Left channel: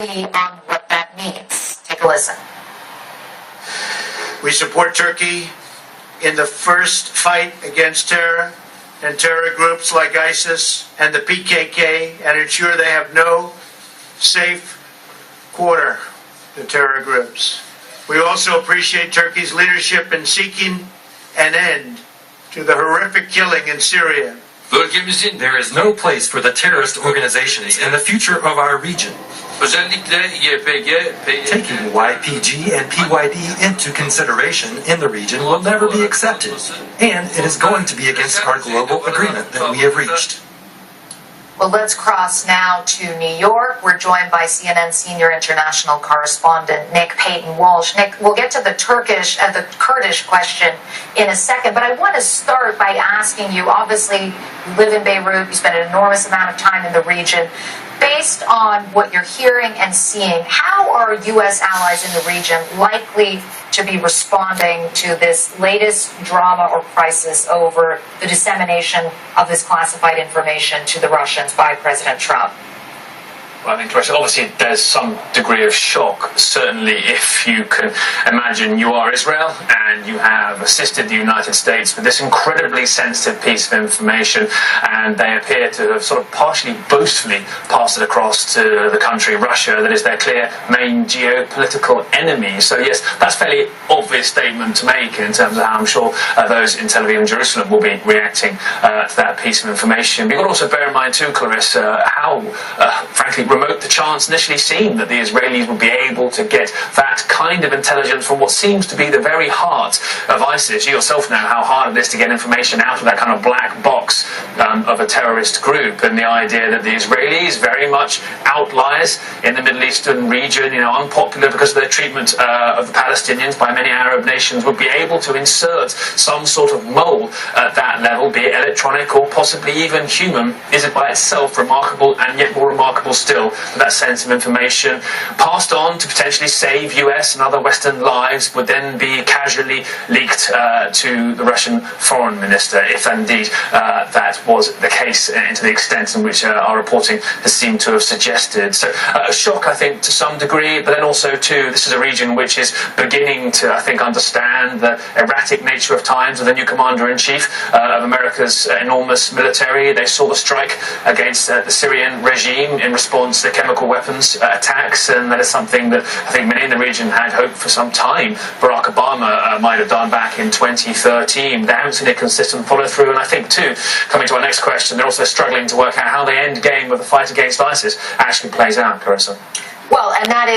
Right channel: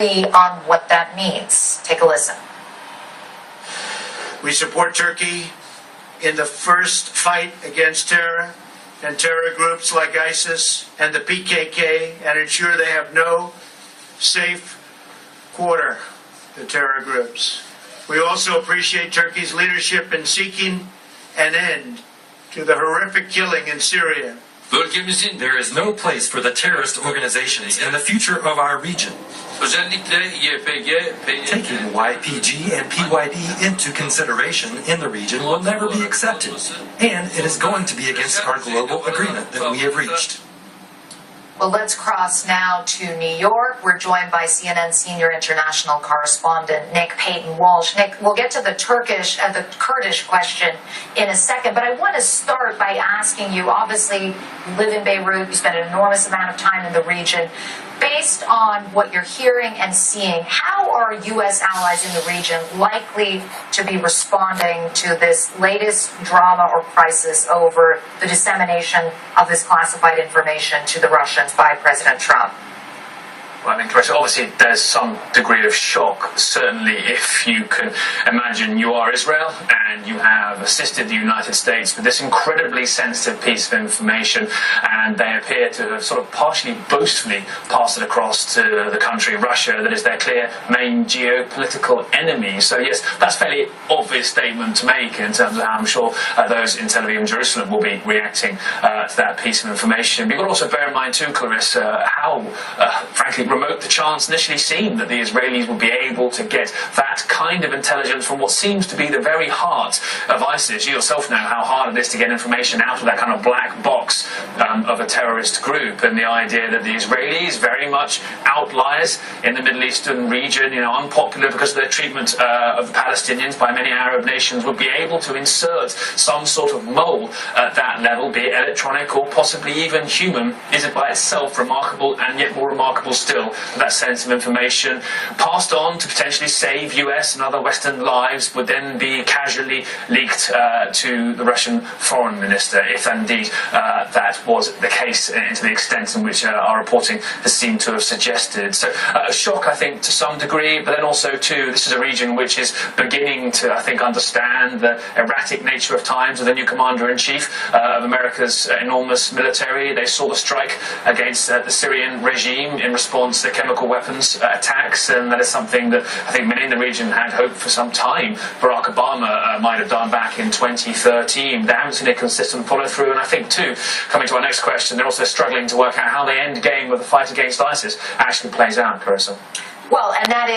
on what that means. Take a listen. We support Turkey in the first fight against terror and terror groups like ISIS and the PKK, and ensure they have no safe quarter to terror groups. We also appreciate Turkey's leadership in seeking an end to the horrific killing in Syria. There is no place for the terrorist organizations in the future of our region. Taking YPG and PYD into consideration in the region will never be accepted, and it is going to be against our global agreement that we have reached. Well, let's cross now to New York. We're joined by CNN senior international correspondent Nick Paton-Walsh. Nick, we'll get to the Kurdish question in a second, but I want to start by asking you, obviously, you live in Beirut, you spend an enormous amount of time in the region. Based on what you're hearing and seeing, how are U.S. allies in the region likely to be responding to this latest drama or crisis over the dissemination of this classified information to the Russians by President Trump? Well, I think, Clarissa, obviously there's some degree of shock, certainly if you can imagine you are Israel and you have assisted the United States with this incredibly sensitive piece of information, and they appear to have sort of partially boastfully passed it across to the country, Russia, that is their clear main geopolitical enemy. So yes, that's a fairly obvious statement to make in terms of how I'm sure those in Tel Aviv and Jerusalem will be reacting to that piece of information. But you've got to also bear in mind too, Clarissa, how frankly remote the chance initially seemed that the Israelis would be able to get that kind of intelligence from what seems to be the very heart of ISIS. You yourself know how hard it is to get information out of that kind of black box of a terrorist group, and the idea that the Israelis, very much outliers in the Middle Eastern region, unpopular because of their treatment of the Palestinians by many Arab nations, would be able to insert some sort of mole at that level, be it electronic or possibly even human, is it by itself remarkable, and yet more remarkable still that sense of information passed on to potentially save US and other Western lives would then be casually leaked to the Russian foreign minister, if indeed that was the case, and to the extent in which our reporting has seemed to have suggested. So a shock, I think, to some degree, but then also too, this is a region which is beginning to, I think, understand the erratic nature of times with the new commander-in-chief of America's enormous military. They saw the strike against the Syrian regime in response to chemical weapons attacks, and that is something that I think many in the region had hoped for some time Barack Obama might have done back in 2013. They haven't seen a consistent follow-through, and I think too, coming to our next question, they're also struggling to work out how the end game of the fight against ISIS actually plays out, Clarissa. Well, and that is